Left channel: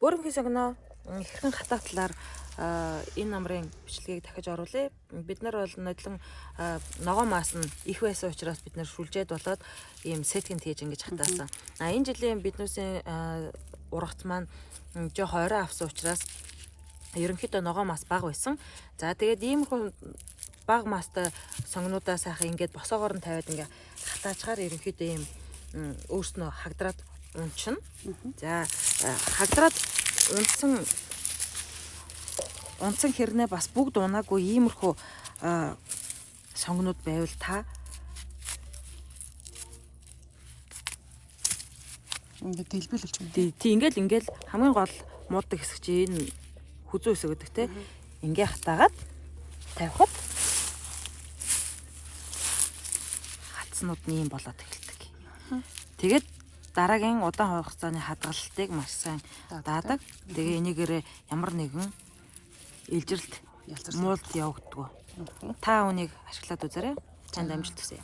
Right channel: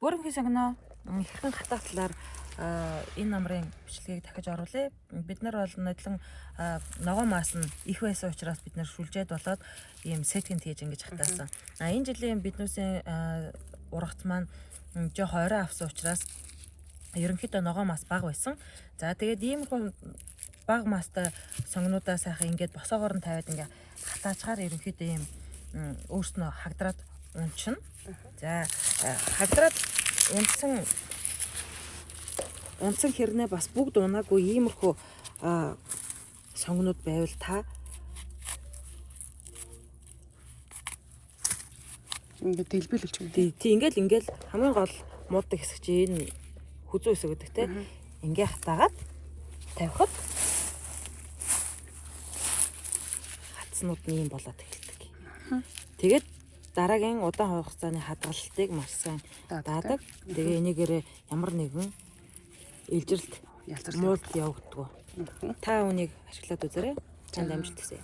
Бүрэнхийн сонгоно ихэнх хатаа талаар энэ номрын бичлэгийг дахиж оруулъя. Бид нар бол нодлон ногоон маас нь их байсан учраас бид нар шүлжээд болоод ийм сетгэнд хийж ингэж хатаасан. Энэ жилийн биднүүсийн ургац маань жоох орой авсан учраас ерөнхийдөө ногоон маас бага байсан. За тэгээд иймэрхүү бага маастай сонгонуудаа сайхан ингээд босоогоор нь тавиад ингээ хатаачаар ерөнхийдөө ийм өөрснөө хагдраад унчна. За хагдраад унсан хэрнээ бас бүгд унаагүй иймэрхүү сонгонууд байвал та ингээд дэлбэлүүлж байна. Тий ингээл хамгийн гол мууддаг хэсэг чи энэ хүзүү хэсэг гэдэг те. Ингээ хатаагаад тавихад хатснууд нь юм болоод эхэлдэг. Тэгээд дараагийн удаан хугацааны хадгалтыг маш сайн даадаг. Тэгээ энийгээрээ ямар нэгэн илжилт муулд явагддаг. Та үнийг ашиглаад үзээрэй. Чанд амжилт хүсье.